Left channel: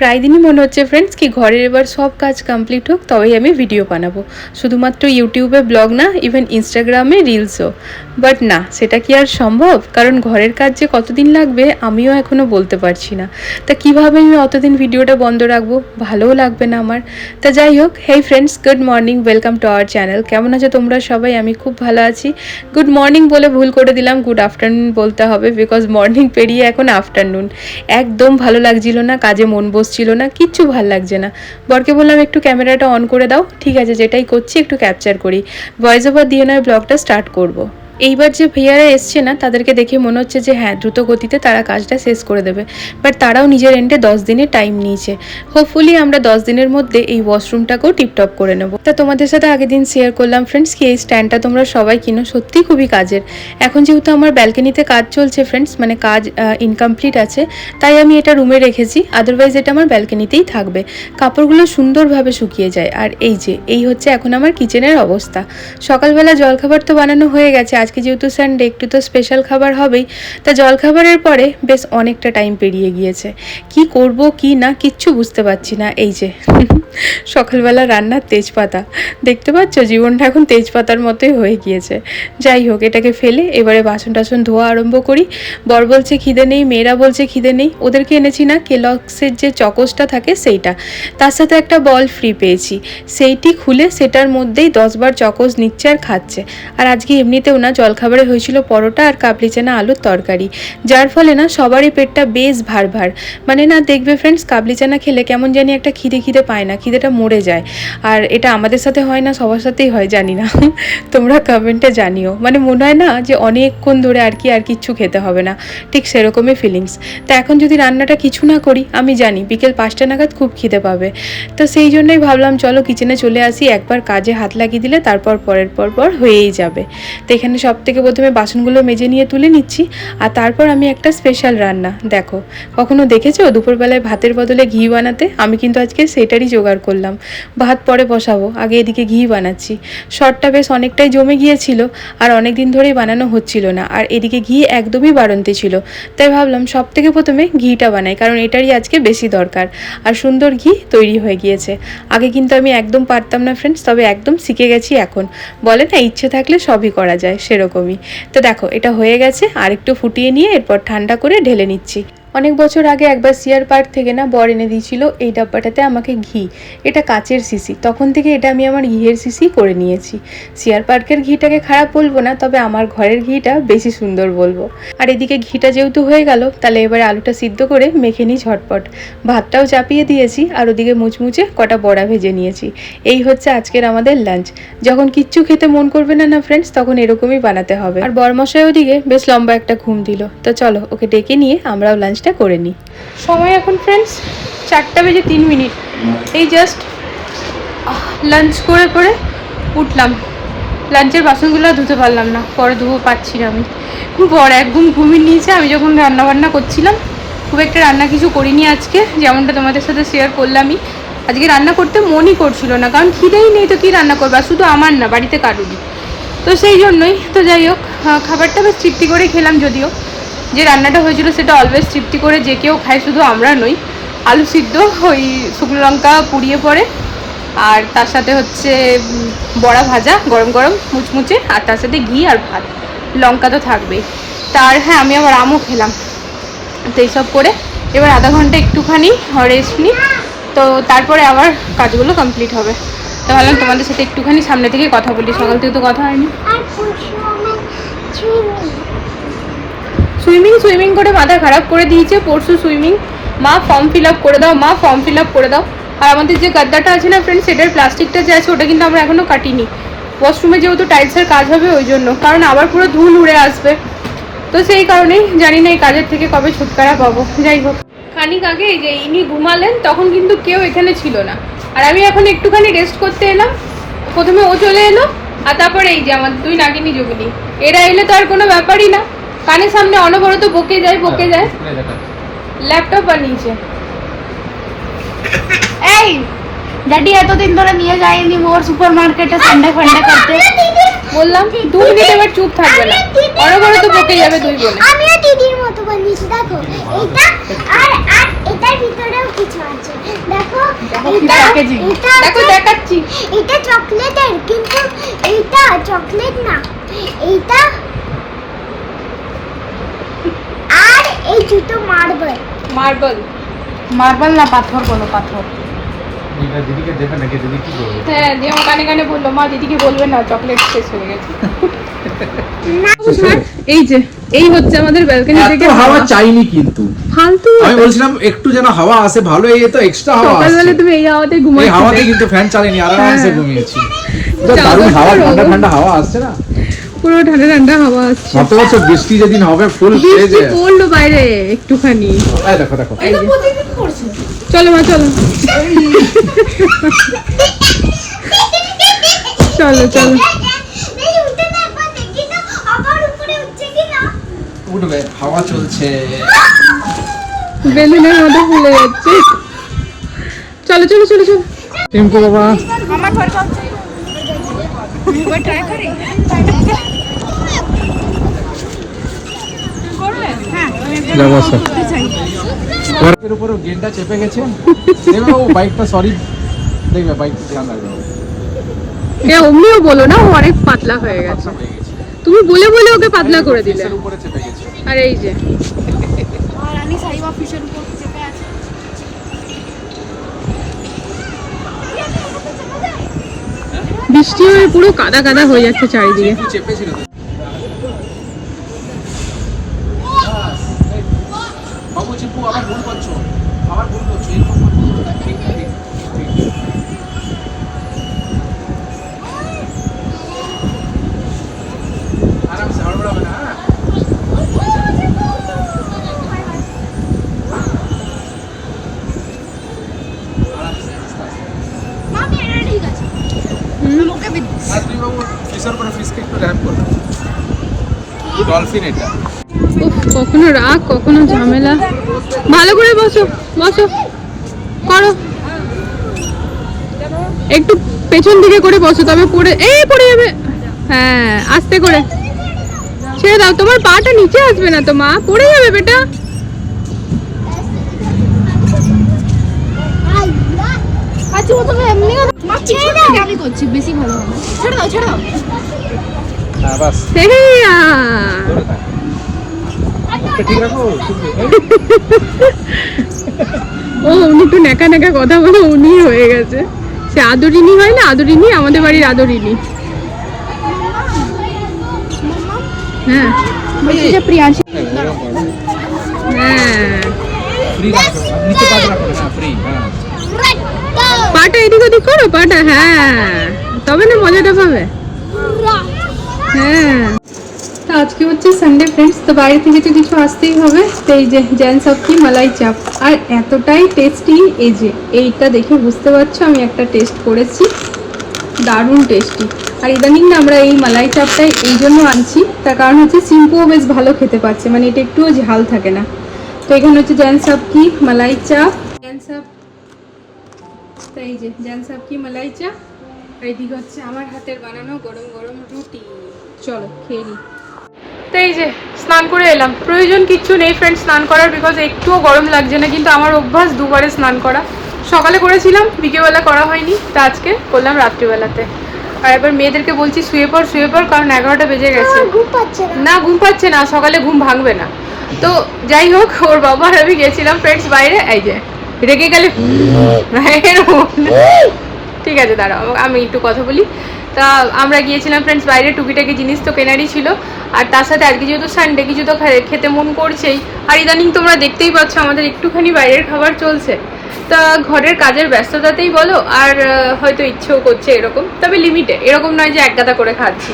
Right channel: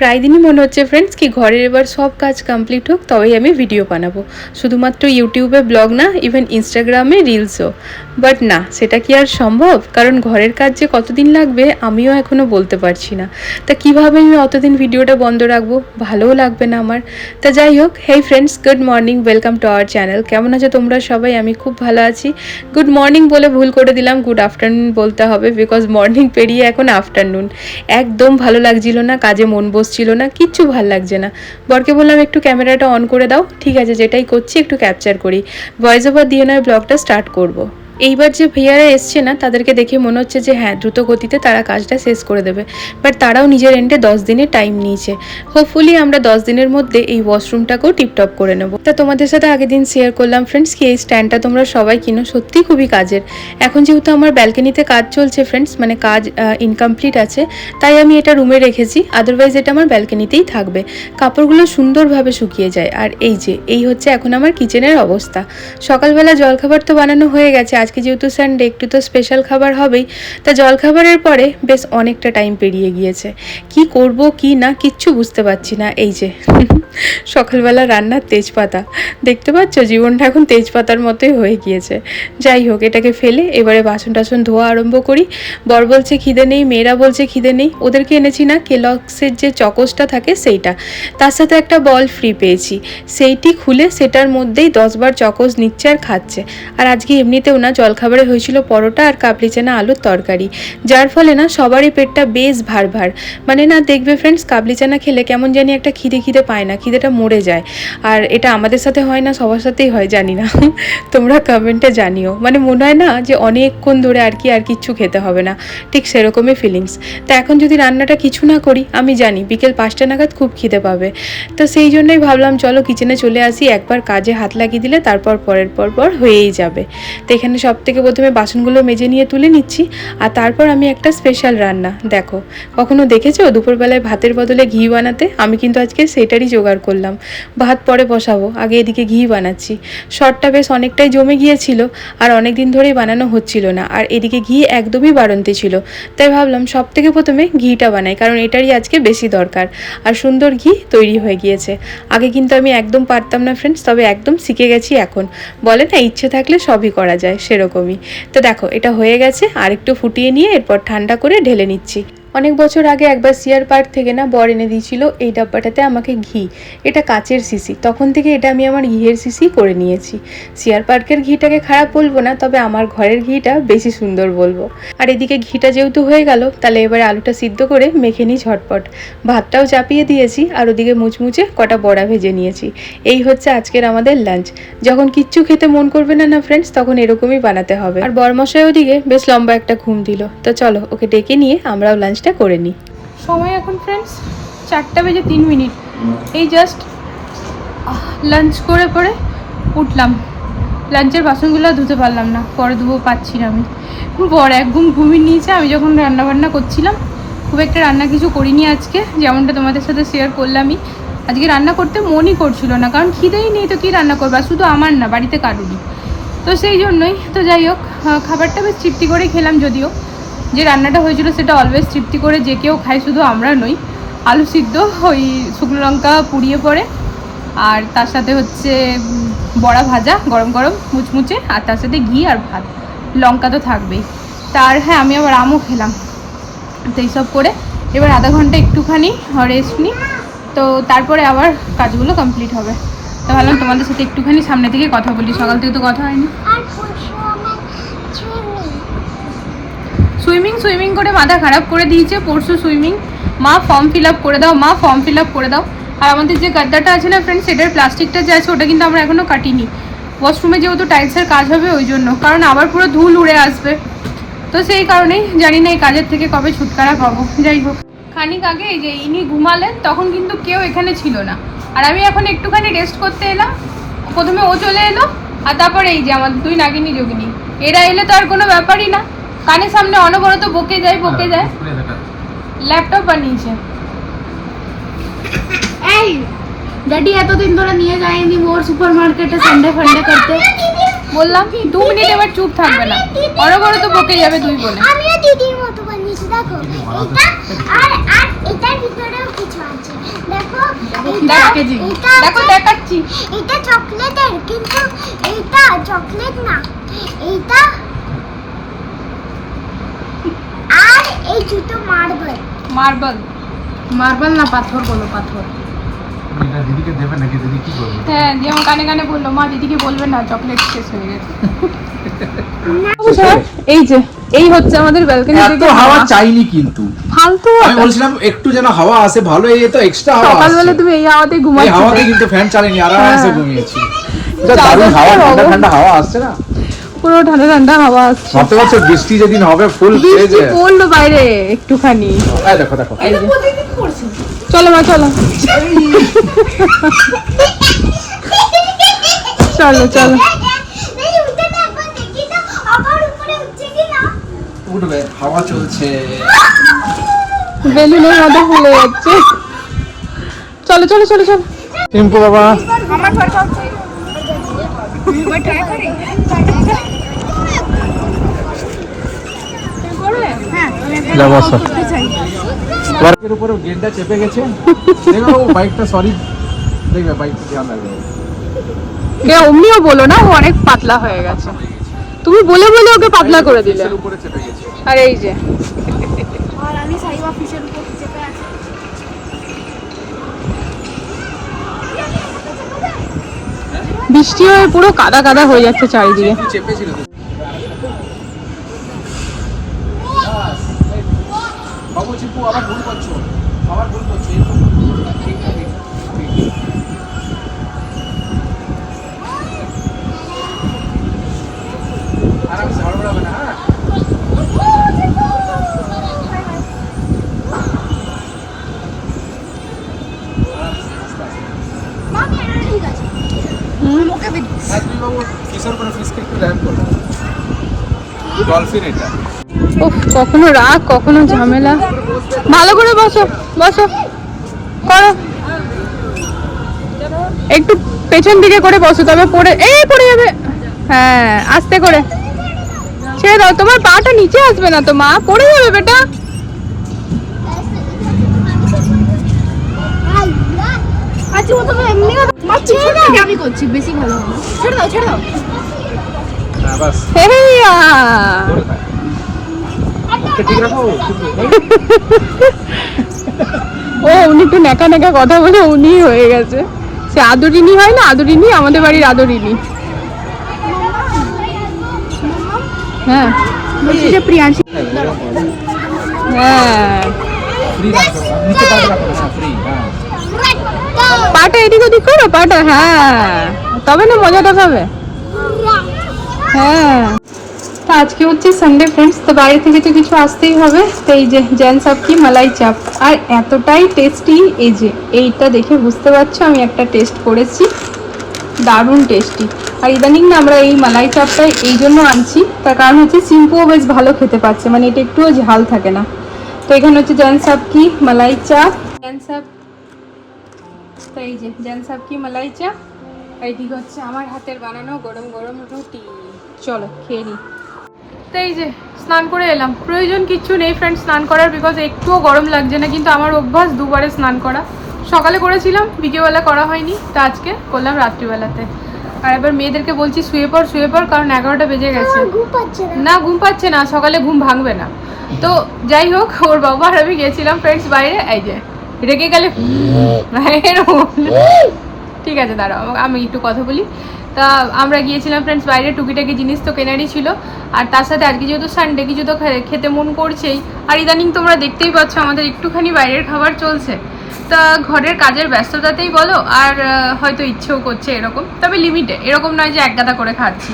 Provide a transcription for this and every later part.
প্রায় দিনই মনে হচ্ছে ফ্রেন্ডস কি ঘরের এবার সব কাজ কমপ্লিট হোক, তবেই আমি ভিডিও বানাবো। শুধুমাত্র ইউটিউবে ব্লগ না ইভেন ইনস্টাগ্রামে রিলসও বাট না, সেটা কি আর সম্ভব? কারণ ঘরের কাজ যে কতদিন লাগবে, আমিও এখনও বলতে পারছি না। তা কীভাবে আমি অতদিন ভিডিওটা বন্ধ রাখব? ভালোও লাগবে না আমার। তা যাই হোক hey friends good morning welcome to our channel কেমন আছো তোমরা সবাই? আমি খুব ভালো আছি। গুড মর্নিং বলে ভুল করে দিলাম গুড আফটারনুন বলতে হবে বিকজ মর্নিং পেরিয়ে এখন আফটারনুন একদম ভালো লাগছিল না, কাজে মন বসছিল না, কিচ্ছু ভালো লাগছে না। বরকে বললাম, একটু ক্যামেরাটা অন করে দাও। ঠিক আছে, যেটাই করছি, একটু ক্যাপচার করি। ভয়েস ওভার দিয়ে নয় ব্লগটা স্টার্ট করব। এইবার যে ভাইয়ারা এসছে না, তাদেরকে দেখে মনে হচ্ছে যে হ্যাঁ দ্রুত গতিতে তারা কাজটা শেষ করে দেবে। বাট তারাও নিজের এন্ডে দশ দিনের টাইম নিয়েছে। হোপফুলি আমরা দশ দিনের মধ্যে এই ওয়াশরুমটাকেও টিপটপ করে নেব। তা তোমাদের সাথে আগের দিন শেয়ার করলাম ফ্রেন্ডস কি এই স্ট্যান্ডটা তোমরা সবাই কিনো? সত্যিই খুবই কাজের। এখন যেহেতু আমার ব্যালকনিতে কাজ চলছে ফ্রেন্ডস মানে কাজ ইনকমপ্লিট আছে, তাই আমি এটা রুমে রেখেছি। আদারওয়াইজ এটা আমার ব্যালকনিতেই থাকবে। কাপড়গুলো সুন্দরভাবে শুকিয়ে যায়। আর এই যে, এই হচ্ছে এখন আমার কিচেনের অবস্থা। সকালবেলা জলখাবার তো বানানো হয়ে গেছে আজকে যেহেতু সানডে একটু তো স্পেশাল খাবার হবেই। তা জলখাবারের পরে বেশ অনেকটা টাইম পেরিয়ে গিয়েছে। কি করব, কি না, কিচ্ছু বুঝতে পারছি না। এই যে, সকালবেলা রান্নার তেজপাতা। দেখতে পাচ্ছ, জীবনটা এখন তেজপাতার মতোই হয়ে গিয়েছে। যাই হোক, এটাকে ফেলে এবারে বাসন টাসন ধোয়া আরম্ভ করি। বর বলছে, খিদে নেই। মেয়েরা বলছে, খিদে নেই। ওদেরকে এনেছি না, কেলক্সের যে চকসটা থাকে সেইটা। তার সাথে একটা বল ফ্রি পেয়েছি। সেইটি খুলে সেটার মধ্যেই দশবার চকস নিচ্ছে আর খাচ্ছে। আর আজকে এমনিতেও না জলখাবারে হয়েছিল পরোটা আর কাবলি চানা আলুর তরকারি। যার ফলে না সবারই পেটটা বেশ ভার ভার মানে না, দেখবে ফ্রেন্ডস কাবলি চানা খেলে কেমন জানি একটা খিদে খিদে পায় না, খিদেটা মরে যায়। আর এটা আমাদের সাথে হয় না, সবার সাথেই হয়, জানি না। তোমরা কমেন্টে জানিও। মানে মনে হয় না যে অনেকক্ষণ ধরে আর কি আর কিচ্ছু খেতে হবে না। ঠিক সেরকমই ফিলিংস তা এখন যদি রান্নাটা কিছু না করি, আমি জানি বিকেল পাঁচটা নাগাদ খুব খিদে পাবে। তো সেই জন্যই ভাবলাম, চলো কিচেনে চলে আসি। একবার কাজে হাত লাগিয়ে দিলে তারপর পরের পর পর হয়েই যাবে। তো এখানে সব থেকে প্রথমে বাসনগুলো মেজে নিয়ে তুলে নিচ্ছি, আর তারপর আমি একটা স্পেশাল রান্না। দেখো, কখনো দেখেছ দুপুরবেলায় ভাতের বদলে ঘি বানাতে? আমি কিন্তু আজকে সেটারই জোগাড় করলাম। ভাত পরে বসাবো, আগে এদিকে ঘি বানাচ্ছি। শর্টটা বেশ অনেকটাই জমে গিয়েছিল, আর অনেক দিন ধরেই বানানো হচ্ছিল না, আর এদিকে ঘি একদমই বাড়ন্তি ছিল। তাই ভাবলাম সব থেকে প্রথমে ঘিটা বানাই, কারণ এটারই আজকে বেশি দরকার। আর সুন্দর ঘি তৈরি হয়ে গিয়েছে। আগে কিন্তু আমি একদম পারতাম না ফ্রেন্ডস তবে একদম শিখে গেছি এখন। বলে না, ইচ্ছে থাকলে সবই করা যায়। সেরকমই। তো দেখো, এটা হয়ে গেছে আর একটু ফুটিয়ে নিয়ে এরপর ঠান্ডা করে ঢেলে নিচ্ছি। অনেক বছর আগে একবার সিয়ার পার্ক থেকে না বর এনে দিয়েছিল এই ডাব্বাটাতে আমাকে ঘি। এটা কাচের সিসি। তখন থেকে এটা আমি আমার ঘিয়ের সিসি করে নিয়েছি। সিয়ার পার্কের ঘিটাকে খারাপ বলব না, তবে আমার ঘরের ঘিটা বেশি সুন্দর বলব। আর এদিকে ঘিটা যেহেতু হয়ে গেল, তাহলে এবারে আলুটা সিদ্ধ করে মেখে নিই ঝটপট। ভাতটাও চাপিয়ে দিয়েছি আর ওদিকে মুচমুচে কটা বড়া ভেজে নিয়েছি। এই হচ্ছে আজকের আমাদের লাঞ্চ। যখন কিচ্ছু খেতে মন করবে না না ফ্রেন্ডস তখন এরকমই বানাতে হবে। আর বরমশাই ওদিকে বেশ লম্বা একটা ঘুম দিল। তো চলো, ওকে ডেকে নিয়ে আমরাও লাঞ্চটা করে নিই সময় এখন ফ্রেন্ডস চারটা বেজে তিন মিনিট। এই জাস্ট লাঞ্চ করে করে উঠলাম। লাঞ্চের বাসনগুলো ধুতে পারলাম না, পরে ধুবো পাচ্ছি না আমি। খুব বড় এক ঘুম ঘুমিয়ে নিয়েছে, আমি যখন রান্না বান্না করছিলাম, খুব একটা রান্না কিছু করিনি আজকে, যেমনটা তোমাদের সাথে শেয়ার করলামই। আজকে রান্না করতে মনই করছিল না, কারণ খিদেই নেই তো কী রান্না করব, আর শুধু আমার না, বাড়িতে কারুরই। তো সেই জন্যই, তো যাই হোক খাবারটা বেশ তৃপ্তি করে খেলাম যদিও। যে রান্নাটা হয়েছিল সেটা অলওয়েজ তৃপ্তি করে যে কেউ খায়, শুধু আমরা নই। আলু সিদ্ধ, ওই শুকনো লঙ্কা পুড়িয়ে পড়ে। আর তার সাথে হচ্ছে বড়া ভাজা, গরম গরম, মুচমুচে, আর তার সাথে ঘি আর ভাত। লঙ্কা তো থাকবেই। তার হ্যাঁ আমি আবার আমও খেলাম। তো এইসব করে এবার আধা ঘণ্টা একটুখানি রেস্ট নিই। তো তারপরে আবার কাজগুলো কমপ্লিট হবে। তো ভাবলাম তোমাদের সাথে একটুখানি সামনে থেকে কথা বলি। সকাল থেকে তো কথা হয়নি। সুইমিং সুইমিং করে মাথা খারাপ করে দিয়েছে, পরশু সুইমিং। মা ফর্ম ফিল আপ করে দাও, মা ফর্ম ফিল আপ করে দাও। আর আমাদের যে গাদ্দাটা আছে না ফ্রেন্ড সেটার প্লাস্টিকটা যে আছে, ওটা কিন্তু আমরা এখনও কাটিনি। ওয়াশরুমে যেহেতু টাইলসের কাজ হবে, ওই জন্য। কারণ আবার পুরো ধুল উড়ে আসবে। তো সেই কারণেই জানি না এই কাজের থেকে কবে ছুটকারা পাবো। যাই হোক। খানিক আগে এই যে ইনি ঘুমালেন, তখন কিন্তু কেউ এখানে ছিল না। আর আমি এখন একটুখানি রেস্ট করতে এলাম। প্রথমে ও চলে এলো, আর তারপরে এই যে আমার দুই নাগিনী যোগিনী এরা এলে তো আর কোনো ব্যাপারই না। কানের সামনে অনবরত বকে যায় বকে যায়। ল্যাপটপ বানিয়েছে এই ড্যাডি এতদিন ধরে নিয়ে যায়নি ওর সুপার মার্কেটে সানডে ফান্ডে করতে বললাম দু মিনিট এবার চুপ থাকবে না। অনবরত বকে যাবে দুই বোনে। আমিও দিদির মতো বানিয়েছি দেখো এটা আর আর এটার ভিতরে কিছু আছে। দেখো এটা দেখো দেখাচ্ছি। এটা চকলেটের কিন্তু এইটা চকলেট না এইটা আর এই দুটো মার্বেল। মার্বেল। মার্বেল না পাথর কোনো পাথর। এটা দিদিকে দেবে নাকি? দিদি কি করবে হ্যাঁ দিয়ে আমার কানে কানে বলল মা দিদিকে বলবেন না চকলেট শেষ হয়ে গেছে। এই যে এই হচ্ছে আমাদের ব্যালকনি এত হাওয়া চাইনি কিন্তু। ফালতু। আমি বলছিলাম একটু যেন হাওয়া আসে ভালো এই তো এক্সট্রা হাওয়া সকালবেলা তুমি এই হাওয়াতে এই হাওয়াতে কিন্তু ফ্যান চালিনি আরামসে হ্যাঁ। ঘুমিয়েছি। দারুণ হাওয়া ঠান্ডা ঠান্ডা হাওয়া আসছে না? পুরো ঠান্ডা ঠান্ডা হাওয়া আসছে। ভাবতে পারছ বৃষ্টি যেদিন হবে ফুল বৃষ্টি পড়ল বাইরে একটুখানি। এই দেখো দেখো। চলো মা চলো। চলো চলো। উঠবে হাওয়া চলছে। বেলুনের মতো ফুলে যাচ্ছে। চলো চলো চলো চলো। টিম্পু বাবা। যাব স্যার। ওয়ার্কের উপরে গেটটা চেপে গেছে। দেখবে ও বাইকটা সরি দেখবে বাইকটা ধ্যান রাখবে এ অমনিও বলো না ও অনেক পাতলা হয়ে গেছে। তুমি বলে বলে ওকে পাতলা করে দিলে। উপরে চেপে গেছে। আর এই যে। আর আমি সাইবা অফিসের উপর চেপে আছি। বৃষ্টি হয়ে পুরো কাদা কাদা হয়ে যাচ্ছে চারিদিকে। চেপেছিল তো আবার ভুল করছ। আবার ভুল করছ। এরকম ঠিক ঠিক আরামসে হড়বড়াবে না হ্যাঁ? আছে আর তুই বাবু ফিসের উপরে ফিসকে একটু র্যাপ করবে ডলফিন এটা। কখনো রাগ কখনো ঝামেলা। ভালো করে বসো বসো। করো। একটু পেছন দিকে করে বসো তবে পড়ে এই পড়ে যাবে। হ্যাঁ আস্তে করে। ছেড়ে দাও তোমার পাটা নিচে আসবে না তো মা। পড়ে যাবে বেটা। বেশি ভালো ছেড়ে দাও। ছেড়ে দাও হ্যাঁ বাস হেইয়া ধরে থাক ওকে ঠিক রাখো ঠিক নেই ও, উনি একটু নেকা নেকা কথা বলে উনি হয়ে গেছে। সে আদরিনী হয় না? আদরিনী আমাদের বাড়ির আদরিনী হ্যাঁ। হ্যাঁ। পাটা এদিক ওদিক করো, পাটা হ্যাঁ। তবে না মজাটা পাবে। হ্যাঁ। আজকে হচ্ছে সানডে ফ্রেন্ডস তো বাইরে থেকে তো কিছু আসতেই হবে। তো এই যে জ্যান সব কি, মালাই চাপ। আর এতটাই টেস্টি এই যে, এইটা দেখে বুঝতে পারছ, আমি একটা টেস্ট করেছি। দারুণ টেস্টি আর ইদানিং না আমরা এই মালাই চাপটাই এই জন্য আনছি। তার কারণ হচ্ছে সিম্পুও বেশ ভালো খেতে পাচ্ছে মানে এটা একটুও ঝাল থাকে না। তো এখানে হচ্ছে জ্যান সাপ কি, মালাই চাপ। জ্যান সাপ, তো এই যে জ্যান সাপ কি, মালাই চাপ। আর এইদিকে হচ্ছে আমার হাতের বানানো গরম গরম রুটি। চলো, খেয়ে নিই। তো এই যে স্নান করে এলাম। প্রয়োজন কিচ্ছু নেই ফ্রেন্ড স্নান করার বিকজ একটুও গরম লাগছে না কিন্তু আমার অভ্যাস দুবারে স্নান করা। সকালে করেছিলাম বিকেলবেলা করা হয়নি তা আজকে করলাম রাত্রিবেলাতে। আর এবার মেয়েদেরকে বলছি শুয়ে পড় শুয়ে পড় কারণ এগারোটা বেজে গেছে। না না। ঘুম পাচ্ছে না সকালে ঘুম ভাঙবে না। তো যাই হোক ওর বাবা আর আমি গেছিলাম ফ্রেন্ডস বাইরে এই যে রেগে গেলে ঠিক আছে দাঁড়াও আমি একটু কথা বলি। তা আমরা গিয়েছিলাম ফ্রেন্ডস বাইরে টুকিটাকি জিনিস তো কেনারই ছিল। আর তার সাথে আজকে যেহেতু সানডে কিছু তো খেতে মন করছেই। আর ইদানিং তোমরা দেখতেই পাচ্ছ আমাদের একটুখানি বাইরের খাবার চলছে। তা ঘরের কাজের ব্যস্ততাতেই বলো আর হয়তো ইচ্ছেও করছে এরকম। তবে লিমিটে এরকম নয় যে এক গাদা করে খাচ্ছি।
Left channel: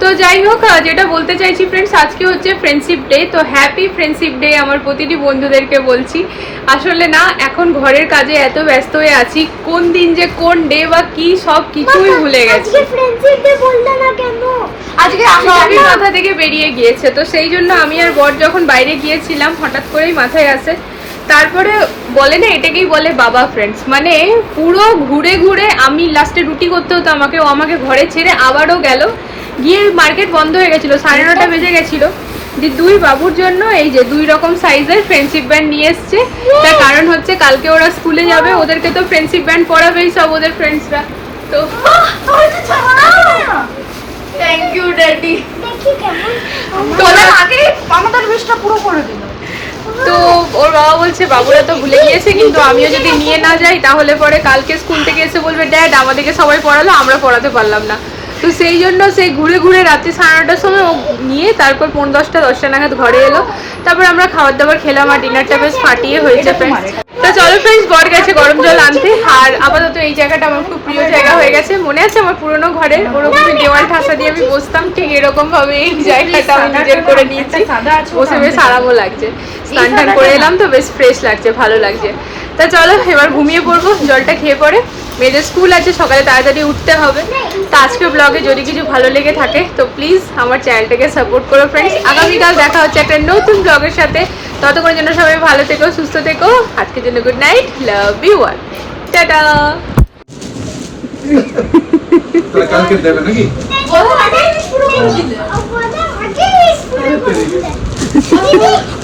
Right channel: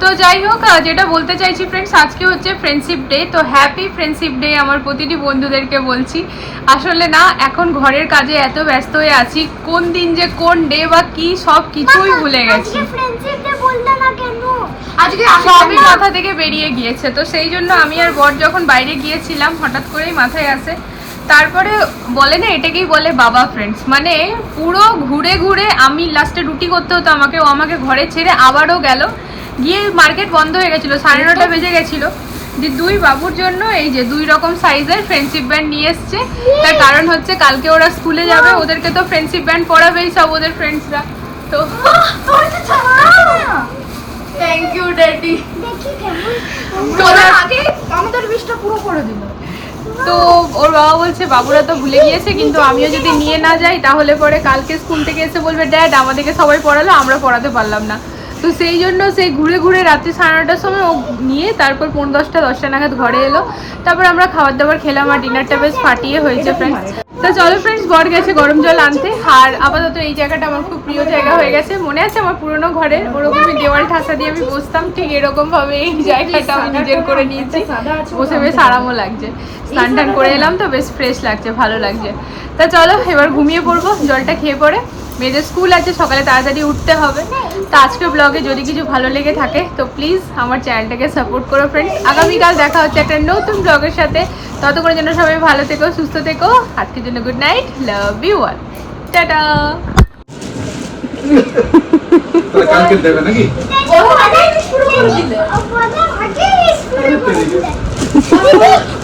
তো যাই হোক যেটা বলতে চাইছি ফ্রেন্ডস আজকে হচ্ছে ফ্রেন্ডশিপ ডে তো হ্যাপি ফ্রেন্ডশিপ ডে আমার প্রতিটি বন্ধুদেরকে বলছি। আসলে না এখন ঘরের কাজে এত ব্যস্ত হয়ে আছি কোন দিন যে কোন ডে বা কি সব কিছুই ভুলে গেছি। সবই মাথা থেকে বেরিয়ে গিয়েছে তো সেই জন্য আমি আর বর যখন বাইরে গিয়েছিলাম হঠাৎ করেই মাথায় আসে। তারপরে বলে না এটাকেই বলে বাবা ফ্রেন্ডস মানে পুরো ঘুরে ঘুরে আমি লাস্টে রুটি করতে হতো আমাকে ও আমাকে ঘরে ছেড়ে আবারও গেল। গিয়ে মার্কেট বন্ধ হয়ে গেছিল সাড়ে নটা বেজে গেছিল। যে দুই বাবুর জন্য এই যে দুই রকম সাইজের ফ্রেন্ডশিপ ব্যান্ড নিয়ে এসছে। তার কারণ হচ্ছে কালকে ওরা স্কুলে যাবে ওদেরকে তো ফ্রেন্ডশিপ ব্যান্ড পড়াবেই সব ওদের ফ্রেন্ডসরা তো থ্যাংক ইউ ড্যাডি তো ওরা তো ওর বাবা বলছে বাবুরা তো ভুলে গিয়েছে কিন্তু আমিও যদি নিয়ে না যাই তাহলে পরে কালকে স্কুল থেকে এসে বলবে ড্যাড আমাদেরকে সবাই পড়ালো আমরা পড়াতে পারলাম না। তো সেই জন্য সেই ঘুরে ঘুরে রাতে সাড়ে নটার সময় ও নিয়ে তারপর পনেরো দশটা দশটা নাগাদ ঘরে এলো। তারপর আমরা খাবার দাবার খেলাম আর ডিনারটা বেশ ফাটিয়ে হয়েছে ফ্রেন্ডস তো চলো ফ্রেন্ডস বর গেছে গরম জল আনতে। আর আপাতত এই জায়গাটা আমার খুব প্রিয় জায়গা হয়ে গেছে। মনে আছে আমার পুরোনো ঘরে? ওরকমই দেওয়াল ঠাসা দিয়ে আমি বসতাম। ঠিক এরকম ভাবে এই জায়গাটা আমি নিজের করে নিয়েছি। বসে বেশ আরামও লাগছে। স্নান টান করে এলাম তো বেশ ফ্রেশ লাগছে, ভালো লাগছে। তা চলো এবার ঘুমিয়ে পড়ব জলটা খেয়ে পরে মেয়েদের স্কুল আছে সকালে তাড়াতাড়ি উঠতে হবে। তা আজকে ব্লগে যদি কিছু ভালো লেগে থাকে তো প্লিজ আমার চ্যানেলটাকে সাপোর্ট করো ফ্রেন্ডস আগামীকাল দেখা হচ্ছে একটা নতুন ব্লগের সাথে। ততক্ষণ জন্য সবাই ভালো থেকো সুস্থ থেকো। আজকের জন্য good night love you all tata কালকে দেবে নাকি? শুরু করে দিলে।